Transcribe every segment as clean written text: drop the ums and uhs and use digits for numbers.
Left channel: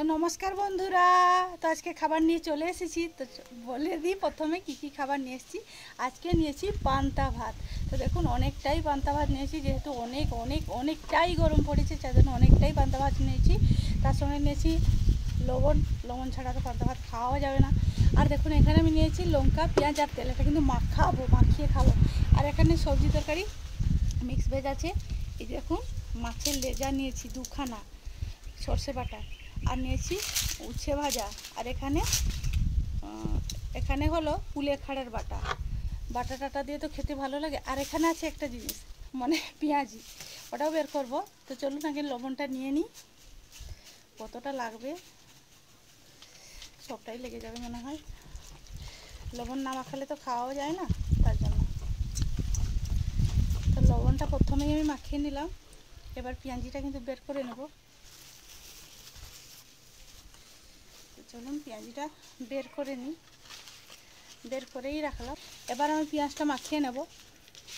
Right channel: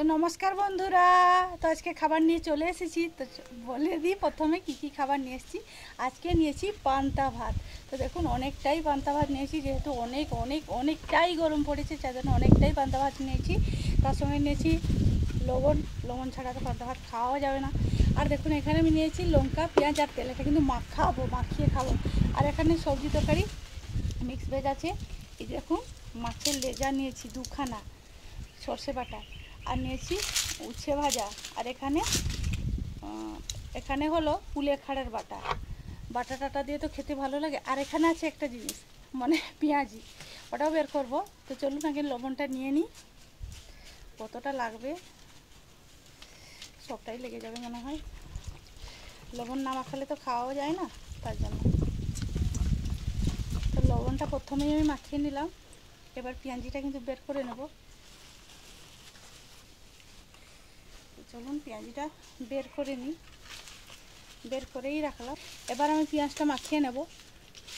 তো নমস্কার বন্ধুরা। তো আজকে খাবার নিয়ে চলে এসেছি। তো বলে দিই প্রথমে কি কি খাবার নিয়ে এসেছি। আজকে নিয়েছি পান্তা ভাত। তো দেখুন অনেকটাই পান্তা ভাত নিয়েছি, যেহেতু অনেকটাই গরম পড়েছে, যার জন্য অনেকটাই পান্তা ভাত নিয়েছি। তার সঙ্গে নিয়েছি লবণ ছাড়া তো পান্তা ভাত খাওয়া যাবে না। আর দেখুন এখানে আমি নিয়েছি লঙ্কা, পেঁয়াজ আর তেল, এটা কিন্তু মাখিয়ে খাবো। আর এখানে সবজি তরকারি মিক্স ভেজ আছে। এই দেখুন মাছের লেজা নিয়েছি দুখানা, সর্ষে বাটা, আর নিয়েছি উচ্ছে ভাজা। আর এখানে হলো কুলেখাড়ার বাটা দিয়ে তো খেতে ভালো লাগে। আর এখানে আছে একটা জিনিস, মানে পেঁয়াজি, ওটাও বের করব। তো চলুন আগে লবণটা নিয়ে নিই। কতটা লাগবে, সবটাই লেগে যাবে মনে হয়। লবণ না মাখালে তো খাওয়াও যায় না, তার জন্য। তো লবণটা প্রথমেই আমি মাখিয়ে নিলাম। এবার পেঁয়াজিটা কিন্তু বের করে নেব। চলুন পেঁয়াজিটা বের করে নিই, বের করেই রাখলাম। এবার আমি পেঁয়াজটা মাখিয়ে নেব।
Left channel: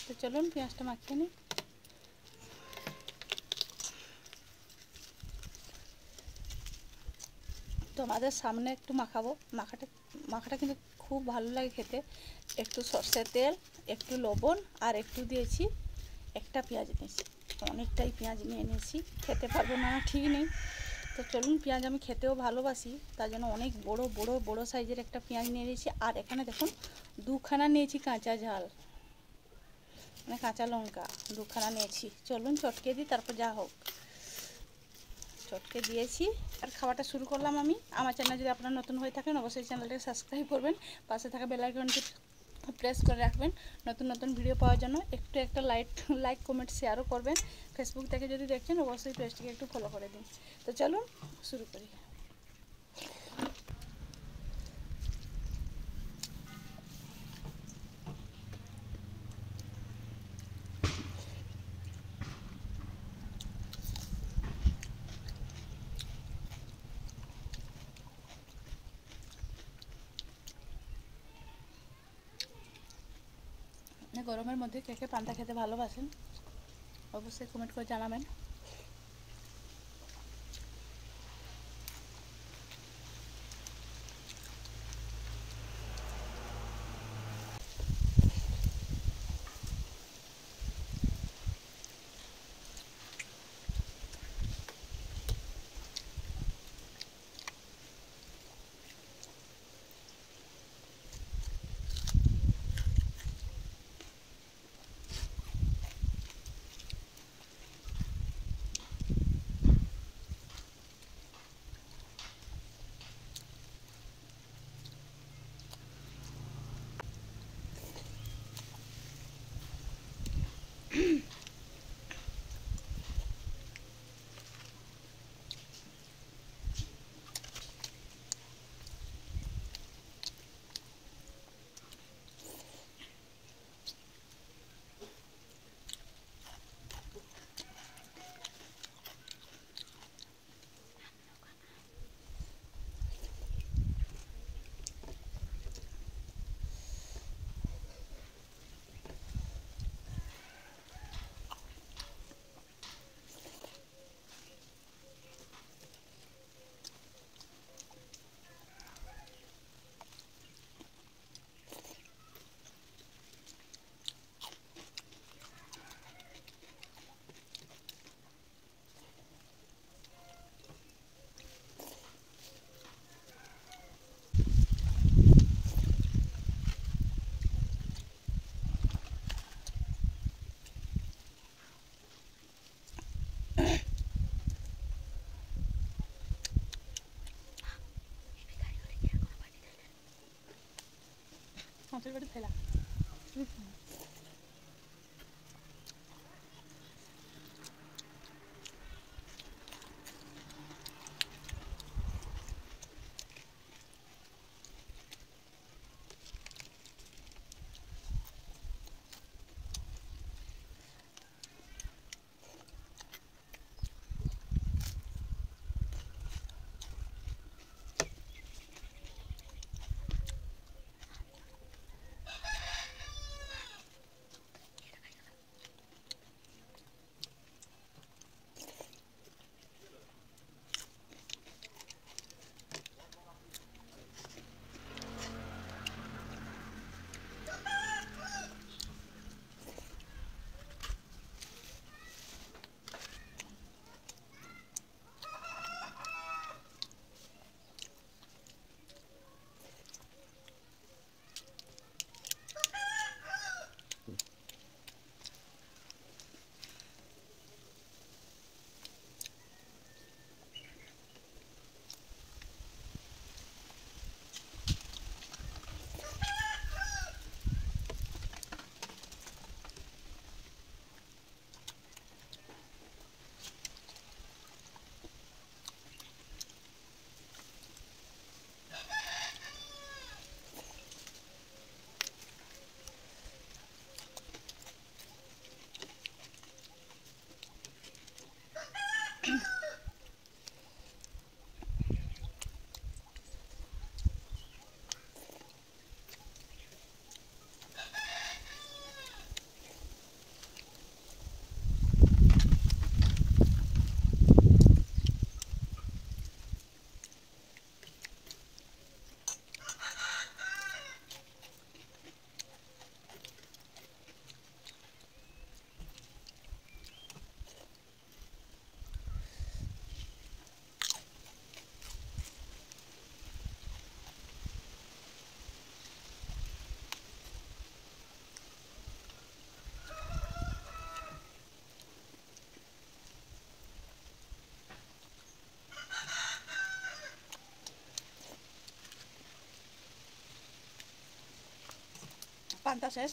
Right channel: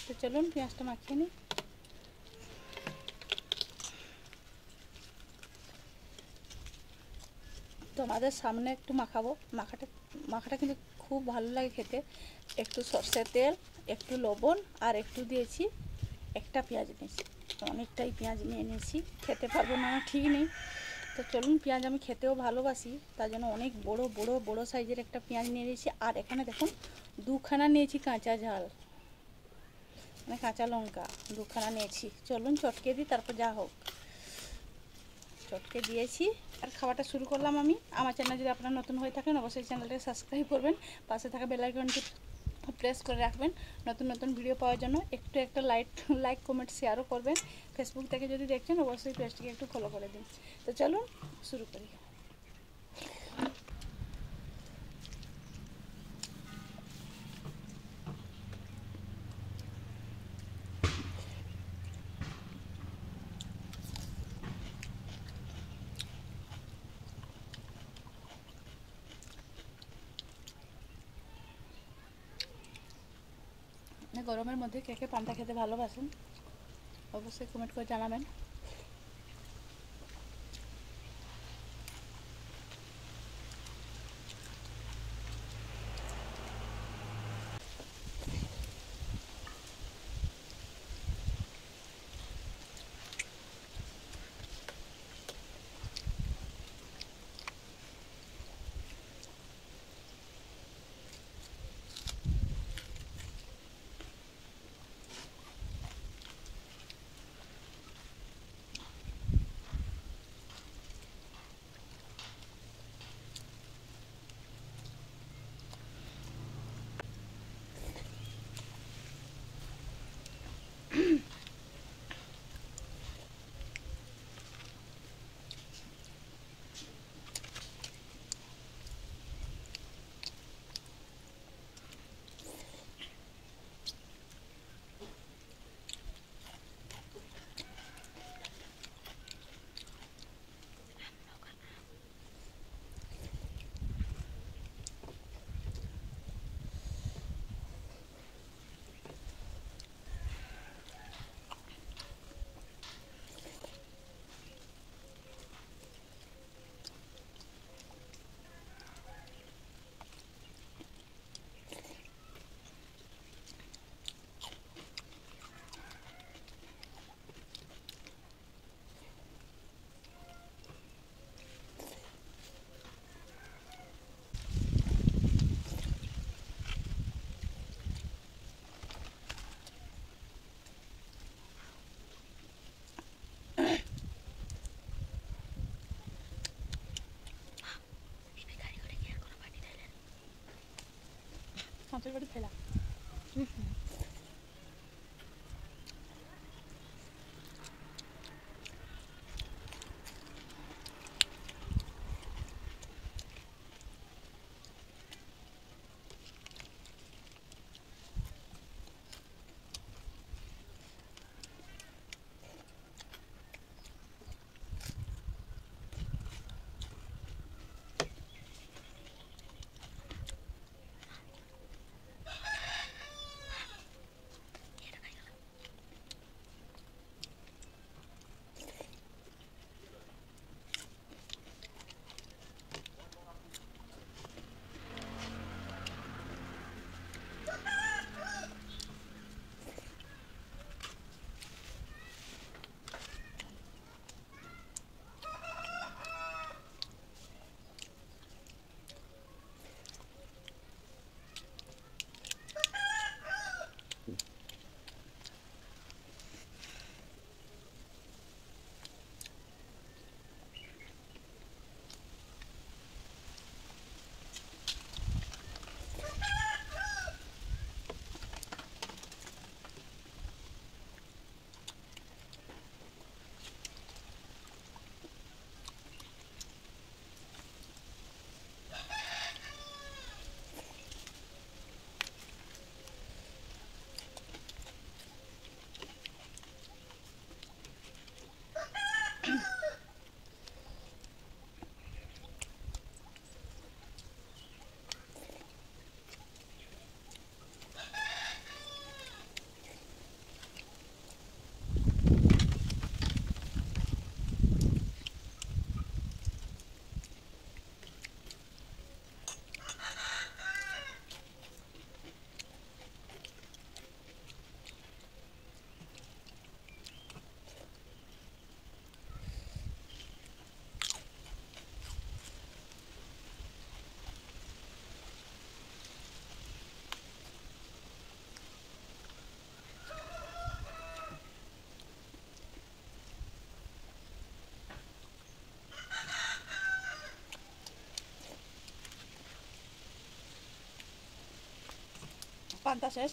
তো চলুন পেঁয়াজটা মাখিয়ে নিই। তোমাদের সামনে একটু মাখাবো। মাখাটা কিন্তু খুব ভালো লাগে খেতে। একটু সর্ষের তেল, একটু লবণ, আর একটু দিয়েছি একটা পেঁয়াজ নিয়েছি। অনেকটাই পেঁয়াজ নিয়ে নিয়েছি, খেতে পারবো না ঠিক নেই। তো চলুন, পেঁয়াজ আমি খেতেও ভালোবাসি, তার জন্য অনেক বড় সাইজের একটা পেঁয়াজ নিয়ে নিয়েছি। আর এখানে দেখুন দুখানা নিয়েছি কাঁচা ঝাল, মানে কাঁচা লঙ্কা দুখানা নিয়েছি। চলুন চটকে দিই, তারপর যা হোক। চটকে দিয়েছি আর খাওয়াটা শুরু করলাম আমি। আমার চ্যানেল যদি আপনারা নতুন হয়ে থাকেন, অবশ্যই চ্যানেলটাকে সাবস্ক্রাইব করবেন, পাশে থাকা বেল আইকনটি প্রেস করে রাখবেন নতুন ভিডিও পাওয়ার জন্য। একটা লাইক কমেন্ট শেয়ারও করবেন। ফেসবুক থেকে যদি দেখছেন, অবশ্যই পেজটিকে একটু ফলো করে দিন। তো চলুন শুরু করি। গরমের মধ্যে কে কে পান্তা খেতে ভালোবাসেন, অবশ্যই কমেন্ট করে জানাবেন। আমাদের বাড়ি ফেলা পান্তা শেষ,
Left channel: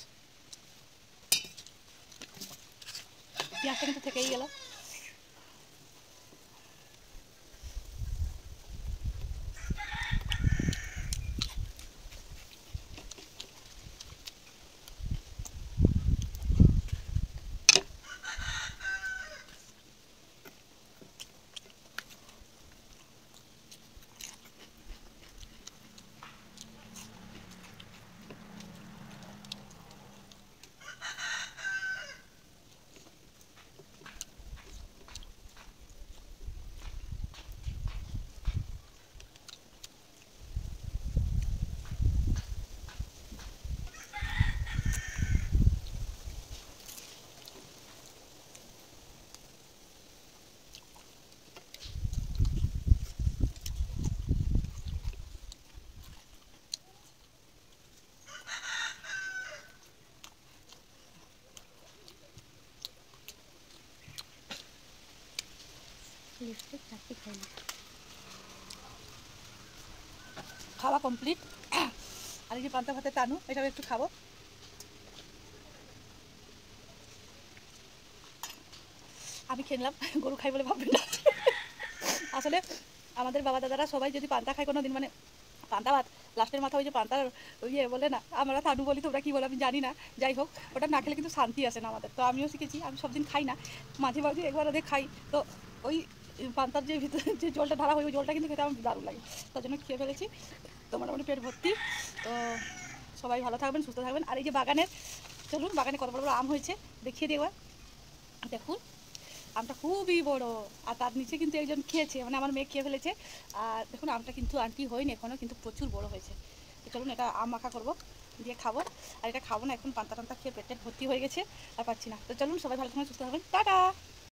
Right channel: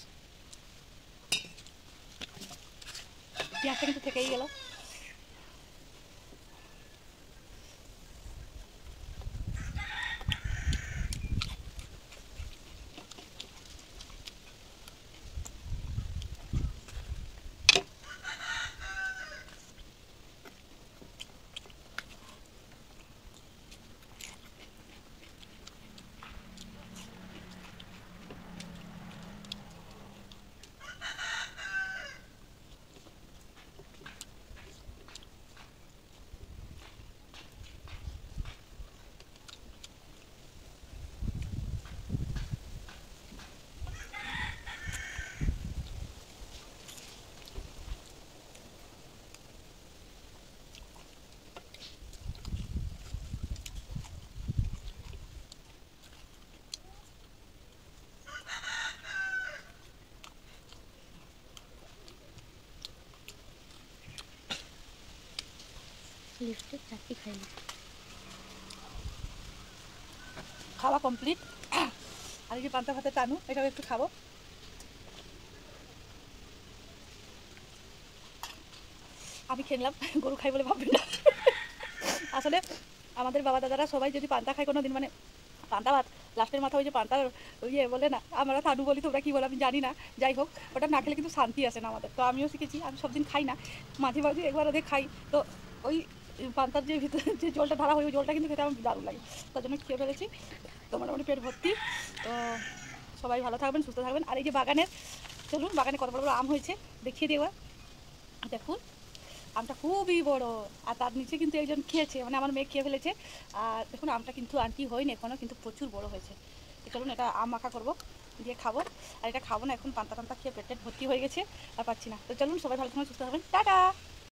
পেঁয়াজটা কিন্তু থেকেই গেল। খাওয়া কমপ্লিট। আর এই যে পান্তা ভাতের টানু, এটাও একটু খাবো। আমি খেলাম, গরু খাই বলে ভাববেন না। আসলে আমাদের বাবা দাদারা সবাই যদি পান্তা খায় কোনো দিন, মানে পান্তা ভাত লাস্টের মাথা ওই যে পান্তার ইয়ে বলে না, আমরা টানু বলি, তোমরা কী বলে আমি জানি না, যাই হোক ওটা না খেলে কিন্তু শান্তি আসে না আমাদের। তো আমিও শিখেছি, আমি সব দিন খাই না, মাঝে মাঝে একবার ওদের খাই। তো ওই পান্তার যে ভিতরে যে জলটা ঢালা হয় ওই জলটা কিন্তু খেতে আমার দারুণ লাগে, তার জন্য খেয়ে ফেলেছি। তো মোটামুটি পেট ভর্তি। তো সবাই ভালো থাকবেন, সুস্থ থাকবেন। আর এই যে বাগানের, চলুন বাগানে কত বড় বড় আম হয়েছে দেখিয়ে দেওয়া। দেখুন আমটা খুবই বড়, আর তার নিচে কিন্তু একজন খেয়েছে, মানে আমার মেয়ে খেয়ে ফেলেছে। আর দেখুন আমটা কিন্তু আন্টি হয়নি এখনও, কিন্তু প্রচুর বড় হয়েছে। তো চলুন এটা আম মাখা করবো, দিয়ে খাবো। আর এটা খাবো না এখন, পান্তা টান্তা খেয়ে পেট ভর্তি হয়ে গেছে, আর পাচ্ছি না। তো চলুন সবাই ভালো থাকবেন, সুস্থ থাকবেন, টাটা।